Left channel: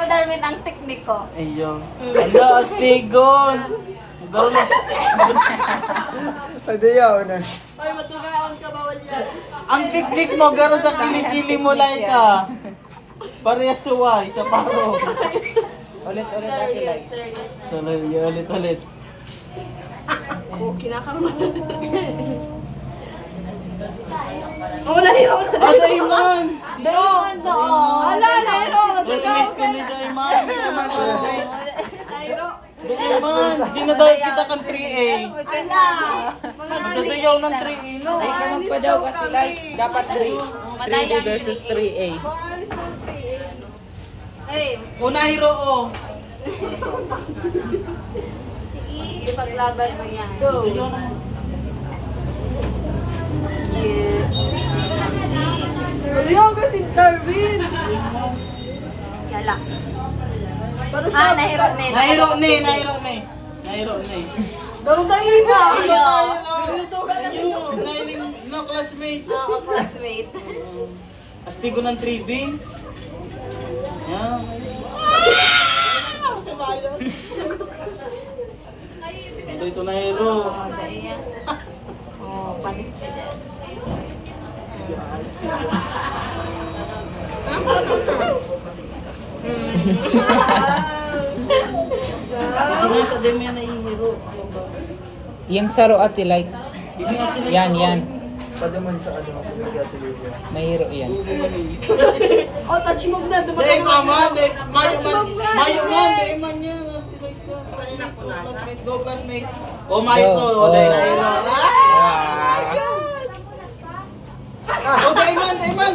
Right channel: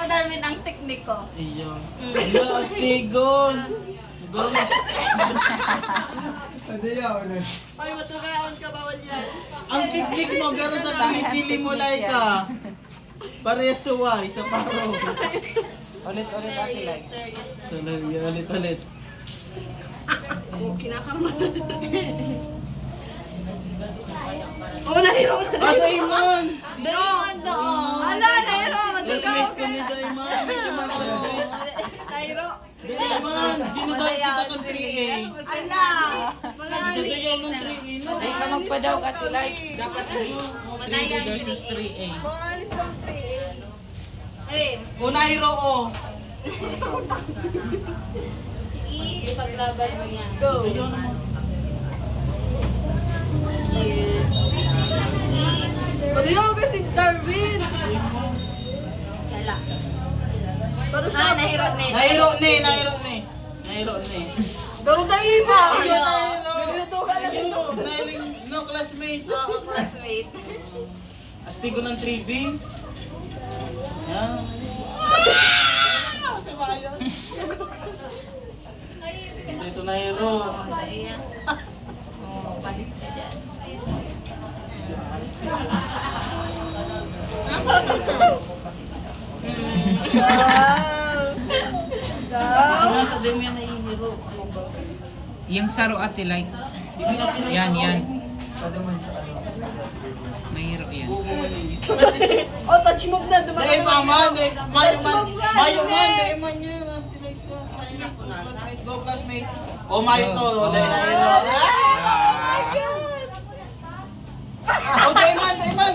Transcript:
mo, Darwin, ang teknik ko. Ayun. Ano, astigon. Go na. Ano yun? Ay, matukaan ka, bawal yan. Ang teknik mo, garo sa kilikili mo, Laika. Parehas suway, sa paro. Ulit-ulit ate Serious, like. serious. Ulit. Oh, kinakaroon. Oh, nahiro na. Ah, Dayman! Darwin, doon. Ala, nahiro. Classmate ko ni Dayman. Nahiro. Dayman, dinaday kita kang 3A. Ala. Dadayaw ng 3A, no? Like naman pa daw kasi like. Dapat 3B versus 3A. Maalis ng 3. Hey, Una hero, oh. sige, ipaglaban mo yan. Dadayaw naman. Yeah. Magayaw ka si Darwin. Yala. Para Ah, nahiro na yun. Nahiro ni. Garo tayo ba? Ayaw. No, classmate. Oo, classmate. Astigo ng 3B. Yan. Ito na hero. Oh, ayan. Oh, panis ka dyan. Sinata din yan na yung hero. Yung saro ate like. Yan. Padaman sa ano, sa media television. Mahiro yan. Oh, touch move na. Dahil mama, mayo man yan. Classmate, go classmate. Oh, mayo to, Go. dahil na hero. Oh, Dayman.